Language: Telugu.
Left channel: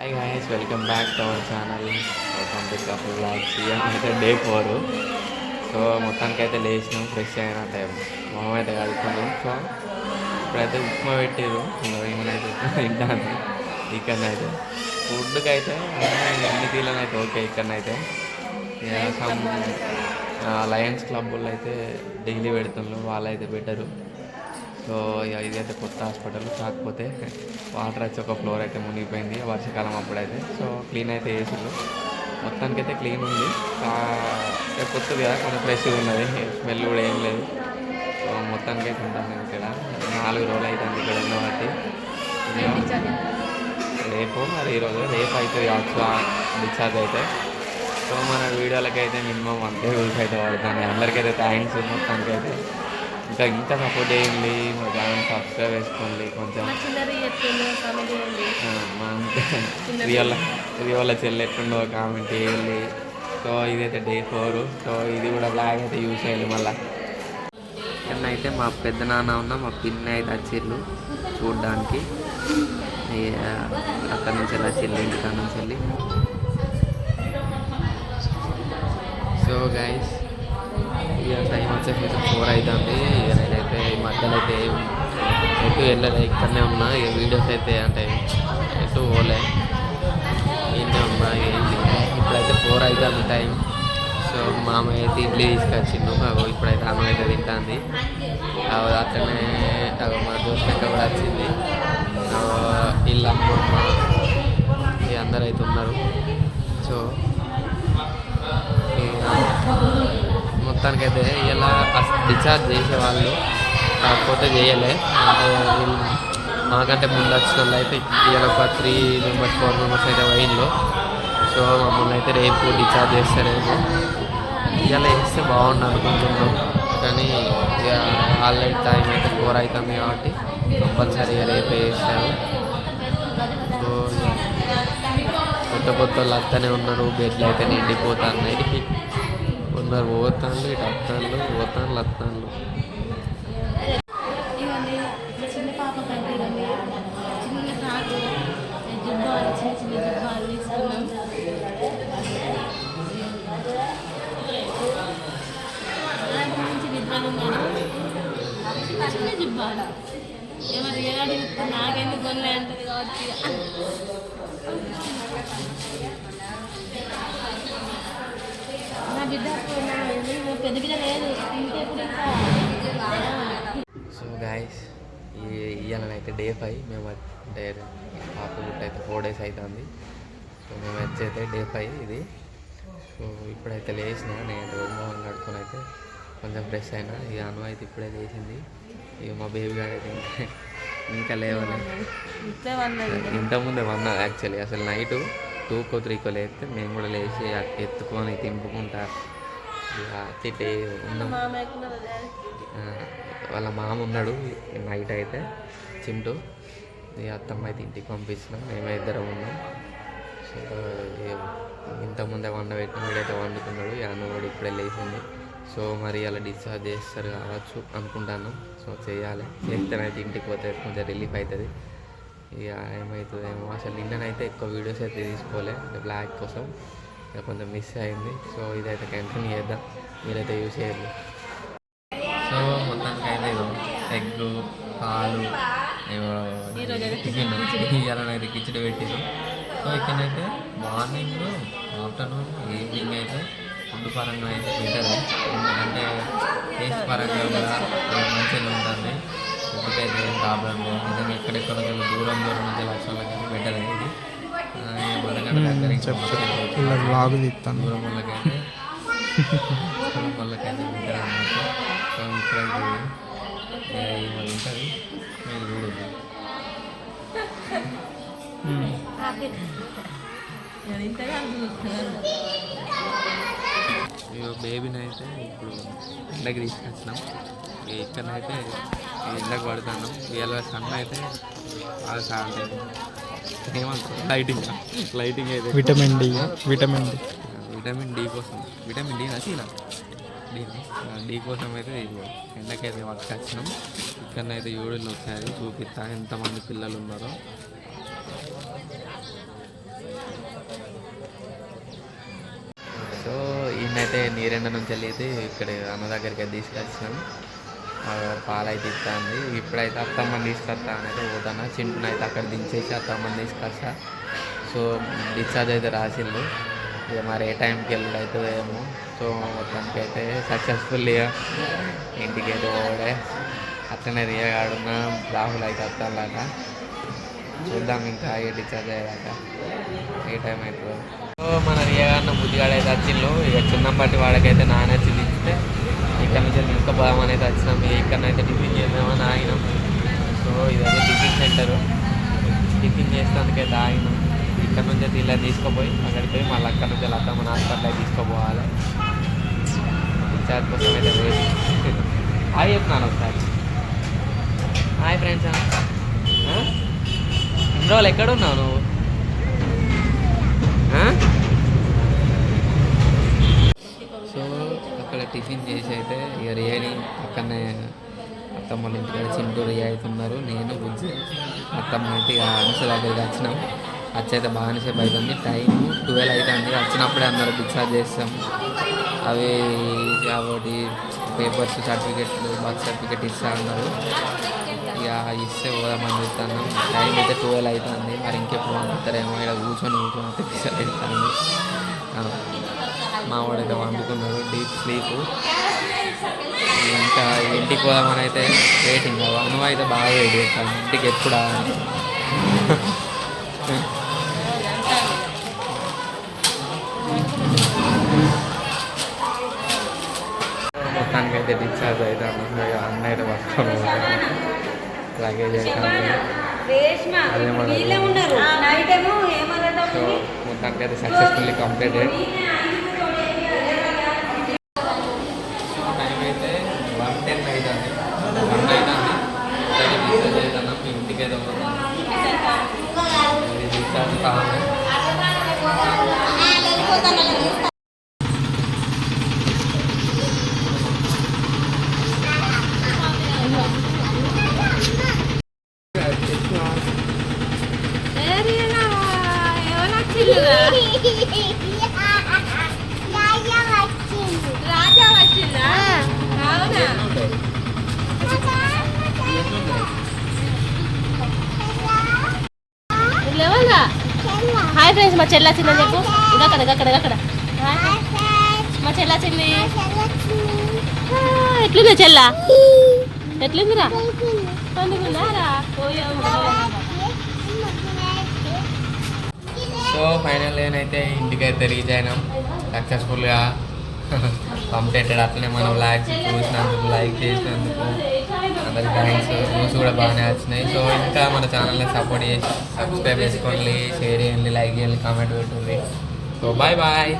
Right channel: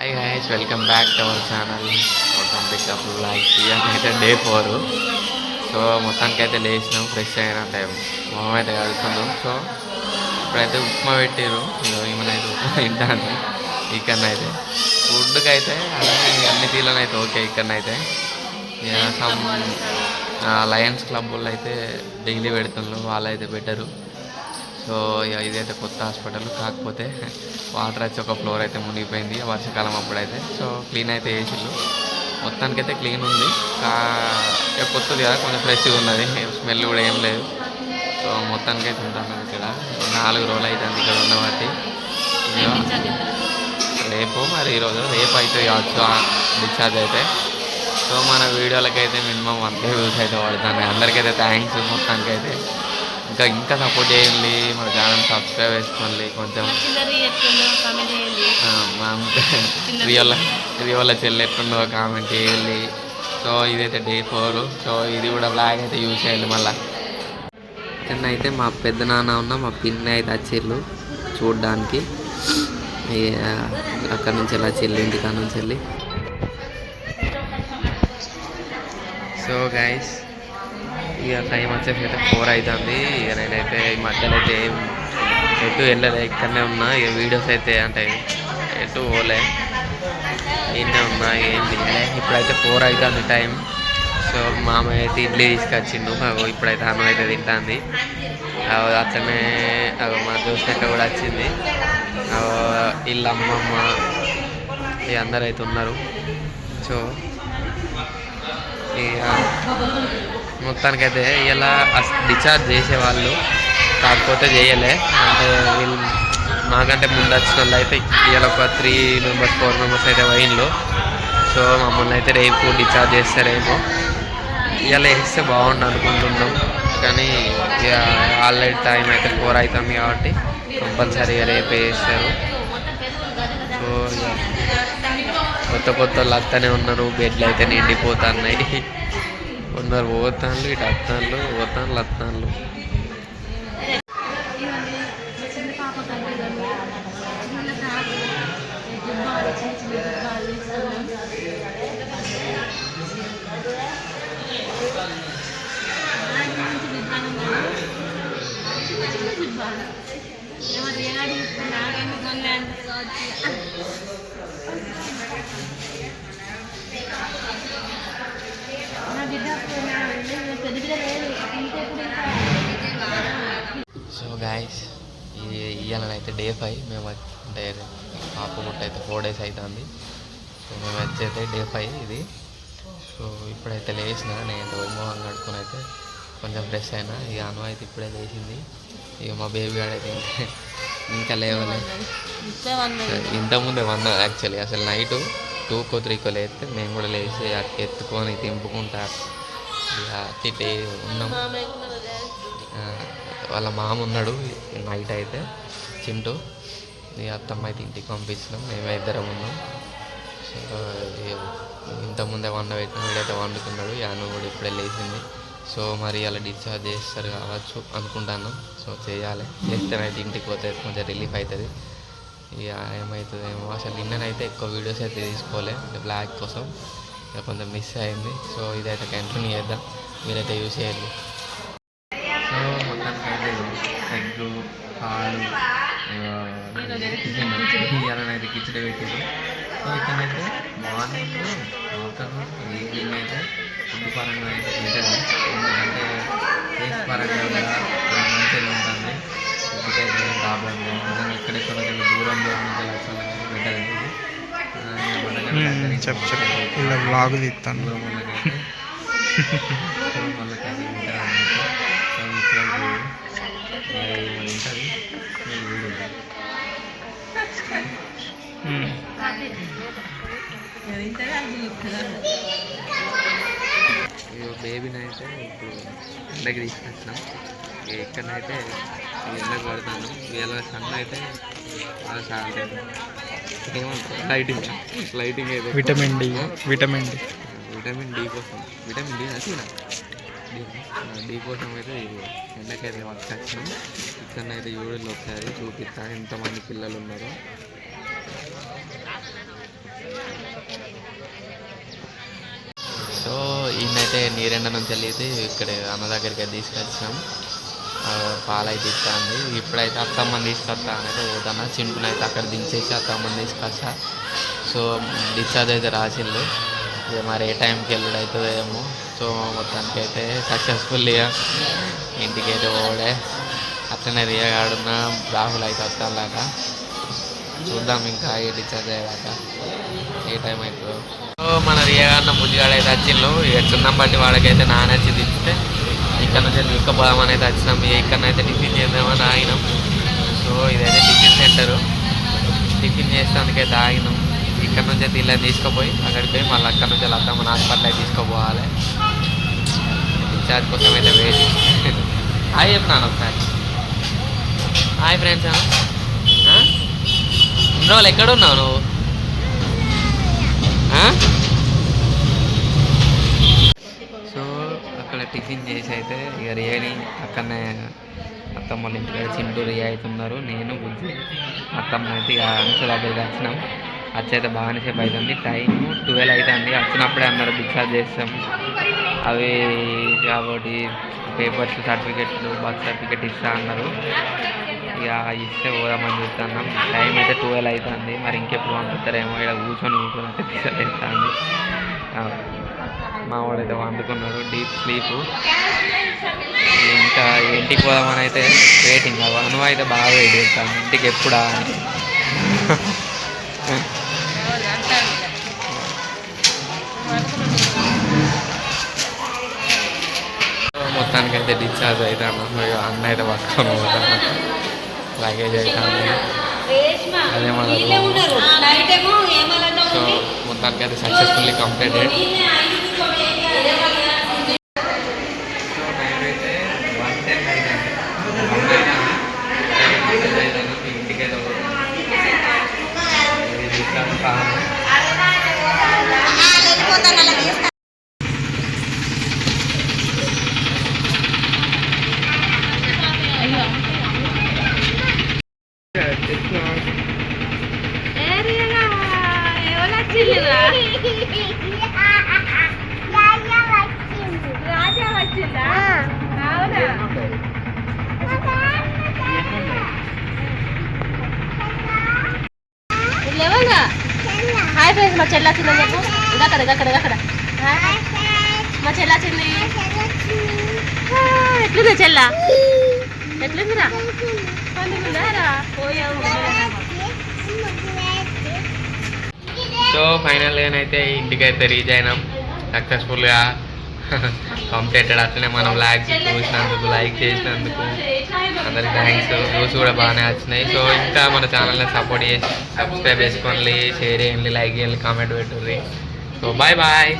Hi guys, welcome back to our channel. మొత్తం పికప్ బ్లాక్ అయితే డే 4. సో మొత్తానికైతే లేచినాం, ఫ్రెష్ అయిన టైం మొహం అయితే కడుక్కున్నాం. సో ఇప్పుడైతే ఉప్మా పెట్టారు. ఏమైనా ఉప్మా తింటాను. ఇక్కడనైతే ఫుడ్కి అయితే అన్ని తీర్లనైతే ఓకే. ఇక్కడనైతే సమ్ లయన్స్ క్లబ్ వాళ్ళు అయితే డైలీ పెడుతున్నారు, వాళ్ళైతే బెటరు. సో ఇదైతే కొత్త హాస్పిటల్, కాకపోతే వాటర్ వచ్చి ఒక ఫ్లోర్ అయితే మునిగిపోయింది వర్షాకాలం అప్పుడైతే. సో క్లీన్ అయితే వేసిళ్ళు, మొత్తానికైతే క్లీన్ ఉంది. కొత్తది కదా, కొంచెం ఫ్రెష్గా ఉన్నది, స్మెల్ కూడా ఏం లేదు. సో మొత్తానికైతే ఉంటాను ఇక్కడ 4 రోజులు అవుతుంది ఇక్కడ ఉన్నవాటి. రేపు మరి ఈరోజు రేపు అయితే కావచ్చు డిశ్చార్జ్ అయితే. సో మన వీడియోలకైతే మినిమం 1K వ్యూస్ అయితే పడుతున్నాయి. అందరికైతే థ్యాంక్స్. మొత్తానికైతే ఇంకా సపోర్ట్ చేయండి, మన ఛానల్ సబ్స్క్రైబ్ చేసుకోండి కొంచెం. మా రియల్ చెల్లి ఎట్లుండో కామెంట్ చేయండి. సో ఇదైతే డే 4. సో ఇది కూడా బ్లాగ్ అయితే యూజ్ చేయాలి మళ్ళీ. అయితే మా పెద్ద నాన్న మా పిన్ని అయితే వచ్చిళ్ళు చూడడానికి. అక్కడి నుంచి వెళ్ళి వచ్చిళ్ళు, ఇంటికాడ నుంచి వెళ్ళి. సో గైస్, ఇక టైం వచ్చేసి అయితే 4 అవుతుంది. ఇక నేనైతే ఈ మధ్యలో అయితే ఎటు వెళ్ళలే, ఇక్కడనే ఉన్నా. ఇక వీడియోస్ అయితే అంటే ఎటు పోలే, ఇన్నే ఉన్నా, ఏం తీయలే. ఇప్పుడైతే 4 అవుతుంది టైం. సో మామయ్య అయితే ఇడ్లీ తీసుకొచ్చిండు. ఇప్పుడైతే అన్నం అయితే తింటుంది. అట్లనే మా దోస్తక్క కూడా వచ్చింది. వీళ్ళ అమ్మమ్మ ఇక అందరు అయితే ఉన్నారు. సో ఇక మొత్తానికైతే ఇలా డిశ్చార్జ్ చేసేవాళ్ళు, కాకపోతే చేయలే. అంటే వీళ్ళు మాకంటే ముందు వచ్చిన వాళ్ళు అయితే ఇలా ఒక 3 మెంబర్స్ 4 మెంబర్స్ అయితే వైన్లో. సో మమ్మల్ని అయితే రేపు డిశ్చార్జ్ చేస్తారేమో. ఇలా వేస్తే బాగుండు అనుకుంటున్నాం, కానీ ఇక ఆల్రెడీ టైం అయితే 4 అవుతుంది కాబట్టి కంపల్సరీగా రేపే వేస్తారు. సో కొత్త వాళ్ళు వస్తూనే ఉన్నారు, బెడ్లు అయితే నిండిపోతున్నాయి. ఉన్నారు పోతాన్లు, ఇటు అత్తాన్లు, పోతాన్లు అత్తాన్లు. నాకెందుకు కొనలే అంటారు కావచ్చు. సో గాయస్, ఇవాళనైతే డే 5. మేము అంటే పాప పుట్ట అయితే 4 days అవుతుంది. సో మేము వచ్చైతే డే 5 ఇది. సో ఇప్పుడైతే లేచిన, నేను మొహం కడుక్కొని అయితే కొంచెం ఫ్రెష్ అయినా. ఇక అను అయితే ఇప్పుడే లేచింది. ఇక మా బేబీ గాడు అయితే ఇంకా లేవాలి. ఇంతకుముందే 1 యాక్చువల్లీ. అసలు నైటు 2కో 3కో లేస్తే మేము కూడా లేచి ఎత్తుకొని తింపుకుంటా ఇక ఉన్నాం. వాళ్ళ మామ ఉన్నాడు నైట్ అయితే, చింటూ. ఈ అత్తమ్మ అయితే ఇంటికి పంపించినాం, మేమే ఇద్దరం ఉన్నాం. సో ఇంతకుముందే పెట్టిన వీడైతే వండుకున్నాడు. యాను కూడా ఇప్పుడే లేచింది. సో మరి అలా డిశ్చార్జ్ చేస్తారు కావచ్చు అనుకుంటున్నాం. సో చేయాలి, చేస్తేనైతే ఇంటికి పోతే కొంచెం రిలీఫ్ అవుతుంది. ఇక ఏమవుతుందేమో. అసలు నిన్ననైతే ఎక్కువ వీడియోస్ అయితే తీసుకోలే, అంటే బ్లాగ్ కోసం ఇక కొంచెం మిస్ అయింది. సో ఇదైతే కంటిన్యూ చేద్దాం, మీరైతే యూజ్ చేయండి. సో మొత్తానికైతే ఎగ్, పాలు, టిఫిన్ ఇవ్వాలనైతే కిచడి పెట్టిండు. సో ఇక్కడైతే మార్నింగ్, ఆఫ్టర్నూన్, ఈవినింగ్ అయితే ఫుడ్ పరంగా అయితే బెటర్. ఎందుకంటే టేస్ట్ పరంగా కూడా మంచిగా ఉంటుంది. ఫుడ్కి అయితే ఏం ప్రాబ్లం లేదు. నిజంగా ఎక్కడెక్కడికి దూరం నుంచి లక్షలకి బెటర్ అనేది. ఇలా బ్లాగ్ తీస్తాను దూరం వాళ్ళకైతే బెటర్ అన్నట్టు. సో ఇప్పుడైతే మరి ఉంటుంది వీడు. బేబీని అయితే ఇప్పుడు ఎండకి తీసుకొచ్చినాం. ఎక్కడనైతే ఎండకు పడుతున్నాం. వీళ్ళ సన్ అయితే బాగా సాగుతాయి. ఏమంటారు, లైటింగ్ అయితే విటమిన్ డి కోసం, విటమిన్ డి నచ్చిన డి కోసం అయితే ఎండకైతే వచ్చాం. ఇక్కడనైతే యూరిన్ వచ్చారు, చూపిస్తా ఎంతమంది పిల్లలు ఉన్నారో. అయితే నీరెండ నుంచి వెళ్ళి ఇక్కడ అన్న దగ్గరికి అయితే తీసుకొచ్చినాం. పాలైతే ఇస్తుంది. ఇప్పుడైతే అత్తమ్మని తీసుకొస్తా అని అయితే పోతున్నా. చింటుని అయితే అక్కడ దించేసి అత్తమ్మని తీసుకొస్తా. సో డిశ్చార్జ్ అయితే రాసిళ్ళు. ఇక మరి ఏ టైంకి వెళ్ళుడు అవుతుందో ఏమో. సో మొత్తానికి అయితే సక్సెస్ఫుల్గా ఇంటికి అయితే పోవడే. అట్లనే రియగాడున్న రాహుల్ అయితే వస్తానులాక. చూద్దాం ఇంకా ఏ డిశ్చార్జ్ అయ్యాక ఏ టైం అవుతుందో. సో మన రియగాడిన బుద్ధిగాడు అయితే వచ్చిండు. ఇక చిన్నం బట్టి వాడికైతే నానచ్చి దించితే ఇక్కడ నుంచి తీసుకుపోదామని అయితే వచ్చినాం. ఇక్కడనైతే టిఫిన్ చేద్దామని ఆగినాం. సో ఇదైతే టిఫిన్ సెంటరు. టిఫిన్ చేసేందుకైతే ఆగినాం. ఇక్కడ నుంచి అయితే ఇలా తీసుకుపోయి అక్కడికి పోయి మళ్ళీ అక్కడ నుంచి అత్తమ్మ హాస్పిటల్ అయితే తీసుకోపోవాలి. డిశ్చార్జ్ కోసం అయితే వెయిటింగ్. హాయ్ చెప్తున్నాను ఒకసారి. Hi friends. ఇన్ని రోజులు ఎక్కడ ఉన్నావు నువ్వు? సో అక్కడ టిఫిన్ చేసి అయితే ఇక రియాని అక్కడనే అత్తమ్మ వాళ్ళ ఇంటికాడ చింటూ రియా అవుతున్నారు. నేను బుజ్జి అత్తమ్మ అయితే ఇక అంశ దగ్గరికి వచ్చినాం. వచ్చైతే బాగానే సేపు అవుతుంది. టైము 12 అవుతుంది. వచ్చినప్పుడే అన్నారు డిశ్చార్జ్ చేస్తాం. అవి కాబట్టి పేపర్స్ సర్టిఫికెట్లు బర్త్ సర్టిఫికెట్ ఇస్తా అన్నారు. ఇక ఇస్తే పోదామని చూస్తున్నాం. టైం అయితే 12 అవుతుంది. మరి ఇంకెప్పుడు పంపిస్తారేమో. ఇక్కడ కూర్చొని అయితే పిసలేస్తుంది. మా వాడైతే వండుకున్నాడు డీప్ స్లీపు. ఇంకా ఇంటికి పోదామని అయితే వెయిటింగ్. అను అయితే బాగా వెయిట్ చేస్తాను ఇంటికి ఎప్పుడా. మొత్తానికి అయితే డిశ్చార్జ్ అవుతాను. అన్న అయితే పట్టుకొని పోతాను. లగేజ్ అవుతుంది అదే మన. సో మొత్తానికి అయితే సక్సెస్ఫుల్లీ కంప్లీటెడ్. సో టైం అయితే 1:10 అవుతుంది. 1 అవుతుంది. మీ ఇంటికి అయితే రాజా వచ్చిందా? Hi friends. మా చెల్లి వచ్చింది చెప్పు. అక్కడ మా చెల్లి వచ్చింది. ఎట్లుంది చెల్ల? ఎట్లుందిరా? సో ఫైనల్గా అయితే ఇంటికి అయితే రీచ్ అయినాం సక్సెస్ఫుల్గా కంప్లీటెడ్. అట్లనే మనం లాగ్స్ చూసినందుకు లైక్ చేసినందుకు అందరికి థ్యాంక్స్. వ్యూస్ కూడా బాగానే వచ్చినాయి. సో ఇంకా మన ఛానల్ని సపోర్ట్ చేసి సబ్స్క్రైబ్ చేసుకోండి, షేర్ చేయండి, లైక్ చేయండి, కామెంట్ పెట్టుర్రి. So bye bye.